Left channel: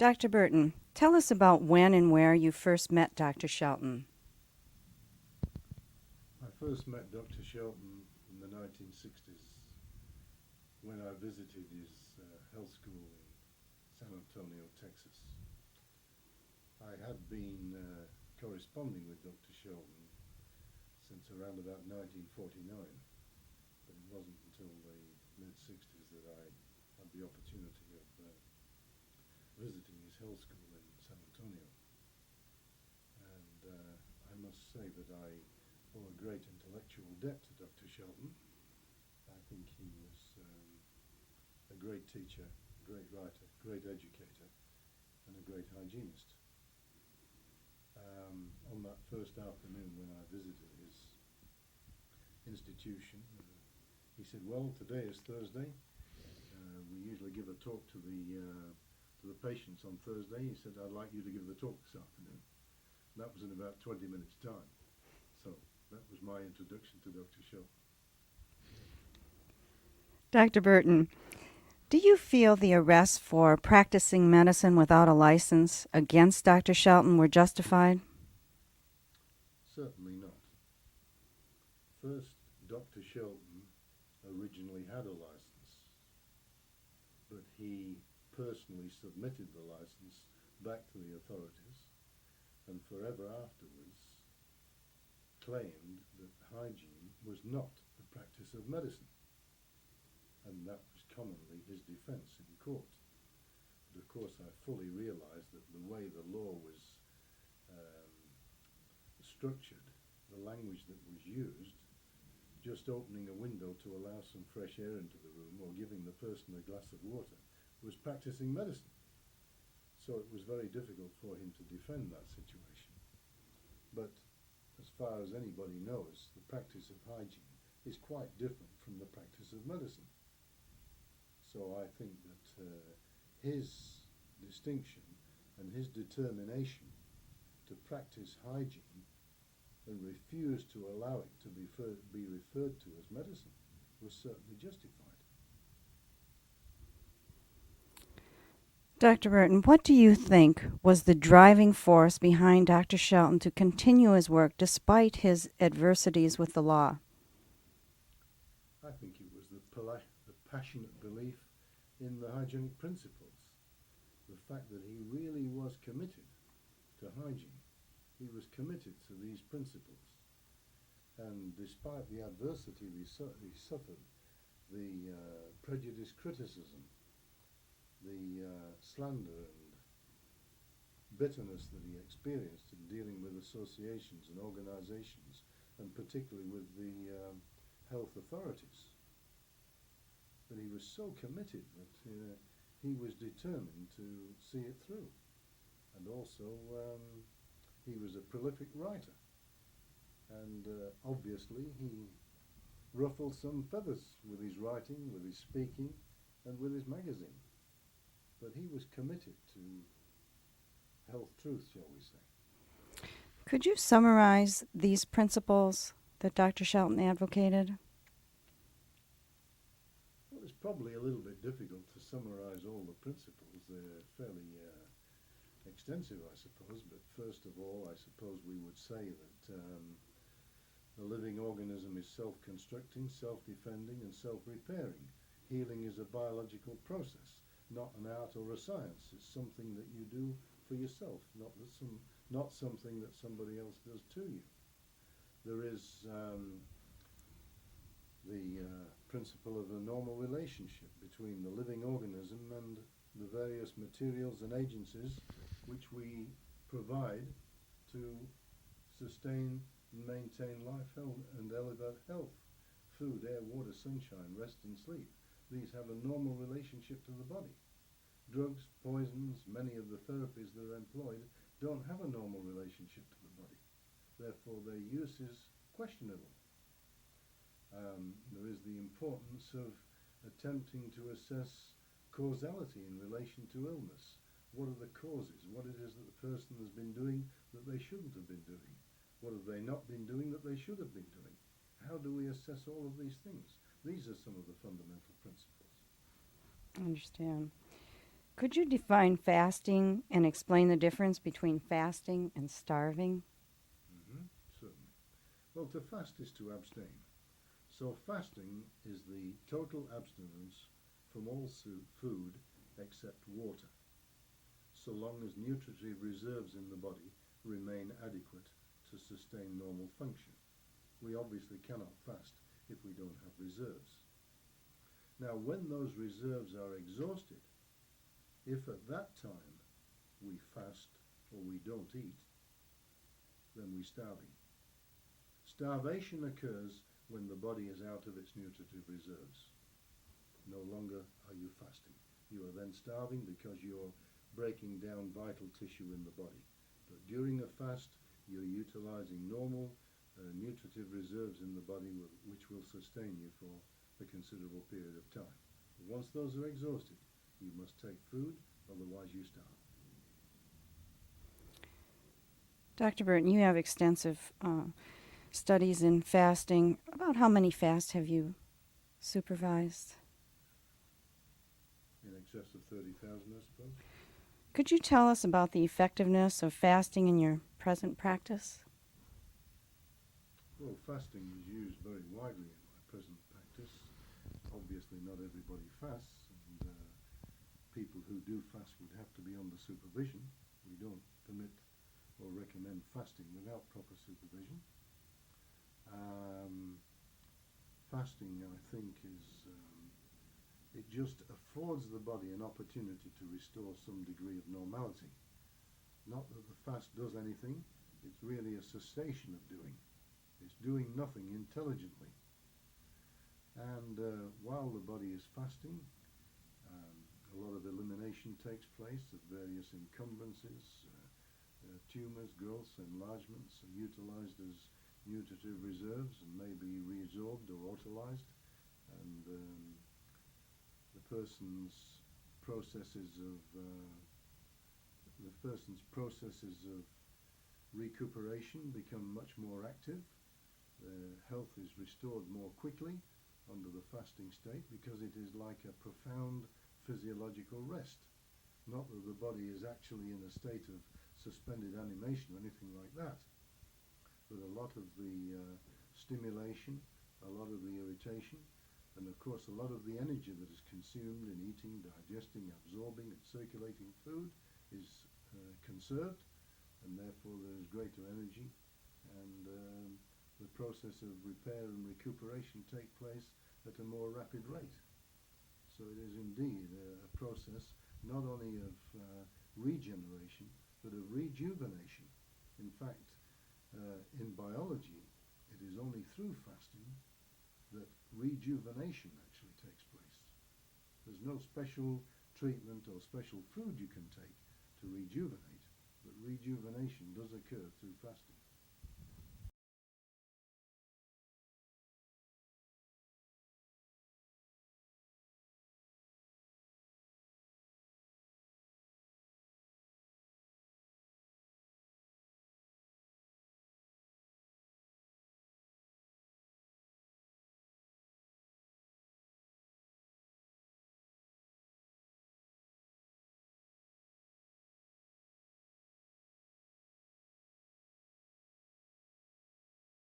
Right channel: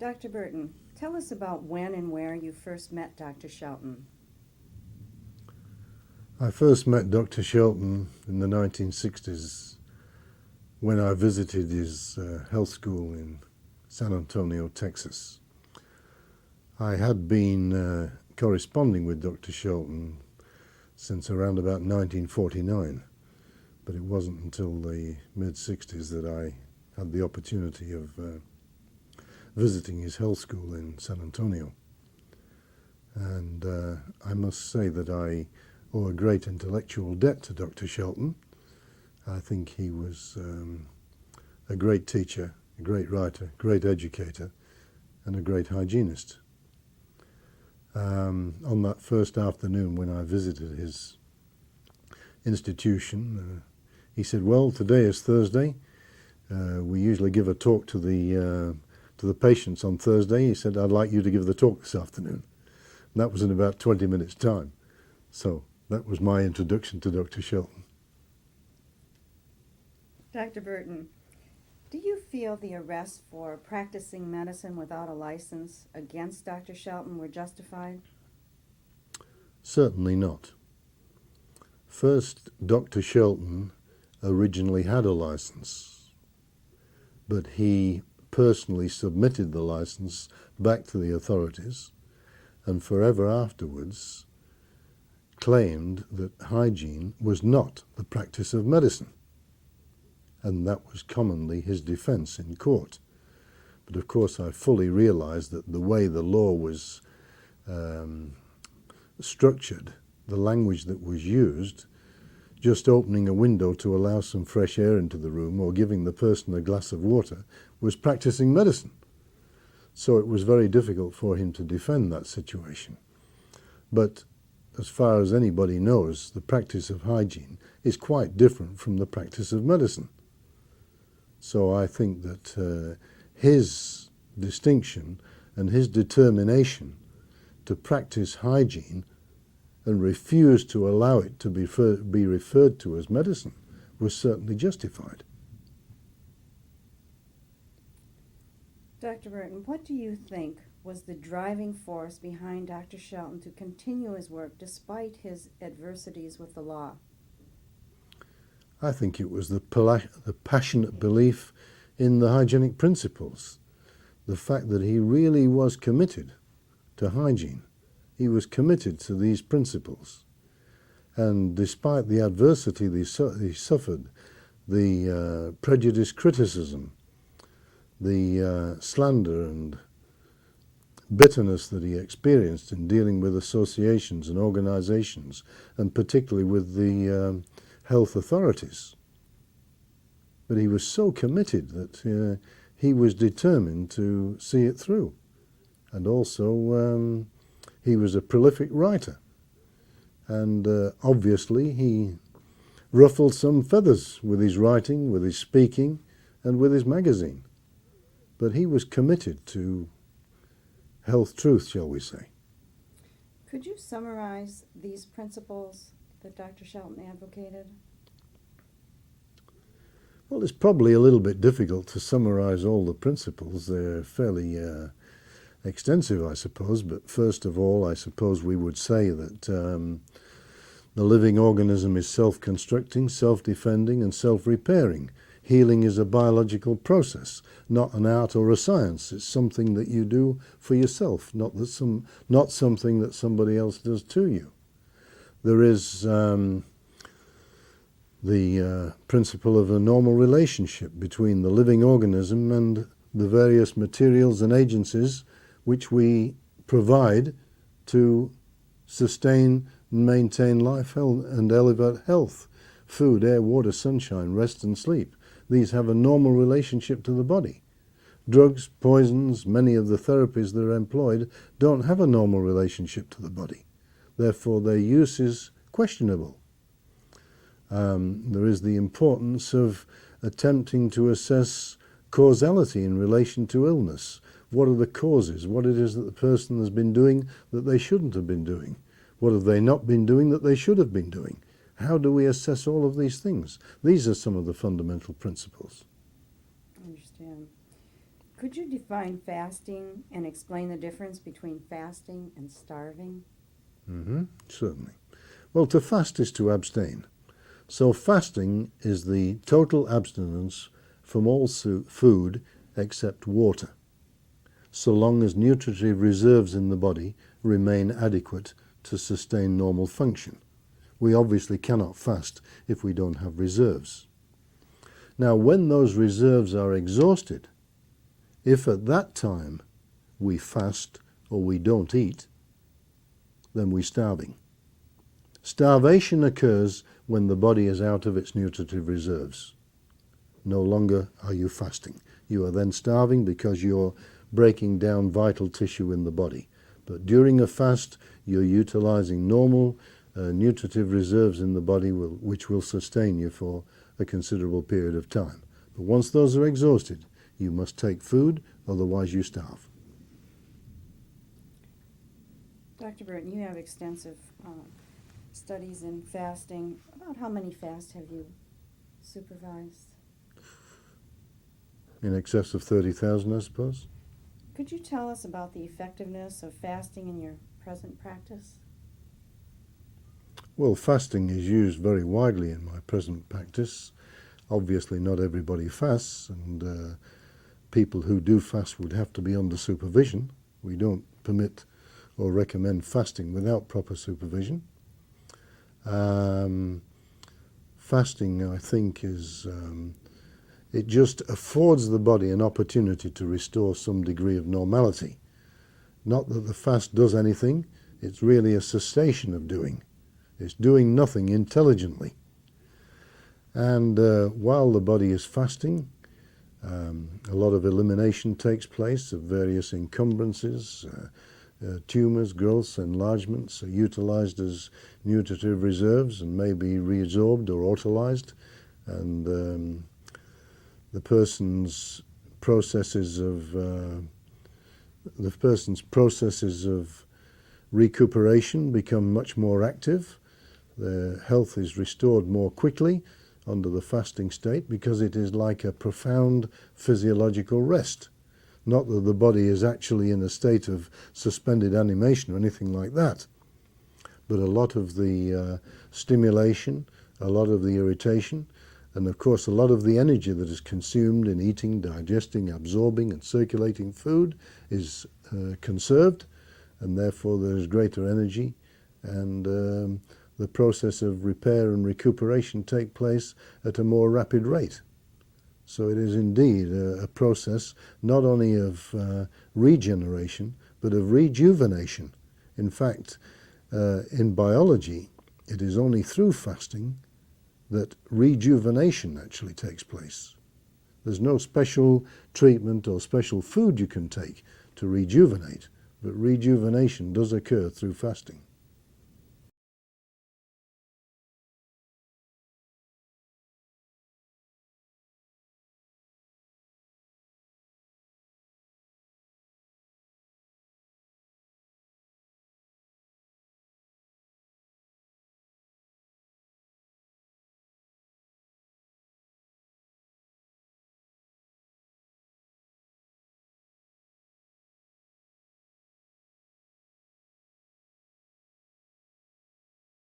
Dr. Burton, tell us about when and where you first met Dr. Shelton. I first met Dr. Shelton in the 1960s when I visited his health school in San Antonio, Texas. I had been corresponding with Dr. Shelton since around about 1949, but it wasn't until the mid-60s that I had the opportunity of visiting his health school in San Antonio. And I must say that I owe a great intellectual debt to Dr. Shelton. I think he was a great teacher, a great writer, great educator, and a great hygienist. On that first afternoon when I visited his institution, he said, "Well, today is Thursday. We usually give a talk to the patients on Thursday." He said, "I'd like you to give the talk this afternoon." And that was in about 20 minutes' time. So that was my introduction to Dr. Shelton. Dr. Burton, do you feel the arrests for practicing medicine without a license against Dr. Shelton were justified? Certainly not. First, Dr. Shelton originally had a license, but he personally submitted the license back to the authorities and forever afterwards claimed that hygiene was not the practice of medicine. And that was commonly his defense in court. But of course I fully realized that the way the law was structured, the language that was used, just opening a window to allow some fresh air into the room or giving the person a glass of water was practicing medicine. So it was very difficult for him to defend that situation. But as far as anybody knows, the practice of hygiene is quite different from the practice of medicine. So I think that his distinction and his determination to practice hygiene and refuse to allow it to be referred to as medicine was certainly justified. Dr. Burton, what do you think was the driving force behind Dr. Shelton to continue his work despite his adversities with the law? I think it was the passionate belief in the hygienic principles, the fact that he really was committed to hygiene. He was committed to these principles. And despite the adversity he suffered, the prejudice criticism, the slander and bitterness that he experienced in dealing with associations and organizations, and particularly with the health authorities. But he was so committed that he was determined to see it through. And also he was a prolific writer. And obviously he ruffled some feathers with his writing, with his speaking, and with his magazine. But he was committed to health truth, shall we say. Could you summarize these principles that Dr. Shelton advocated? Well, it's probably a little bit difficult to summarize all the principles. They're fairly extensive, I suppose. But first of all, I suppose we would say that the living organism is self-constructing, self-defending, and self-repairing. Healing is a biological process, not an art or a science. It's something that you do for yourself, not something that somebody else does to you. There is the principle of a normal relationship between the living organism and the various materials and agencies which we provide to sustain and maintain life and elevate health. Food, air, water, sunshine, rest and sleep. These have a normal relationship to the body. Drugs, poisons, many of the therapies that are employed don't have a normal relationship to the body. Therefore, their use is questionable. There is the importance of attempting to assess causality in relation to illness. What are the causes? What it is that the person has been doing that they shouldn't have been doing? What have they not been doing that they should have been doing? How do we assess all of these things? These are some of the fundamental principles. I understand. Could you define fasting and explain the difference between fasting and starving? Certainly. Well, to fast is to abstain. So fasting is the total abstinence from all food except water, so long as nutritive reserves in the body remain adequate to sustain normal function. We obviously cannot fast if we don't have reserves. Now, when those reserves are exhausted, if at that time we fast or we don't eat, then we're starving. Starvation occurs when the body is out of its nutritive reserves. No longer are you fasting. You are then starving because you're breaking down vital tissue in the body. But during a fast, you're utilizing normal nutritive reserves in the body which will sustain you for a considerable period of time. But once those are exhausted, you must take food, otherwise you starve. Dr. Burton, you have extensive studies in fasting. About how many fasts have you supervised? In excess of 30,000, I suppose. Could you tell us about the effectiveness of fasting in your present practice? Well, fasting is used very widely in my present practice. Obviously, not everybody fasts, and people who do fast would have to be under supervision. We don't permit or recommend fasting without proper supervision. Fasting, I think, it just affords the body an opportunity to restore some degree of normality. Not that the fast does anything, it's really a cessation of doing. It's doing nothing intelligently. And while the body is fasting, a lot of elimination takes place of various encumbrances. Tumors, growths, enlargements are utilized as nutritive reserves and may be reabsorbed or utilized. And the person's processes of recuperation become much more active. Their health is restored more quickly under the fasting state because it is like a profound physiological rest. Not that the body is actually in a state of suspended animation or anything like that, but a lot of the stimulation, a lot of the irritation, and of course a lot of the energy that is consumed in eating, digesting, absorbing and circulating food is conserved, and therefore there is greater energy, and the process of repair and recuperation take place at a more rapid rate. So it is indeed a process not only of regeneration, but of rejuvenation. In fact, in biology, it is only through fasting that rejuvenation actually takes place. There's no special treatment or special food you can take to rejuvenate, but rejuvenation does occur through fasting.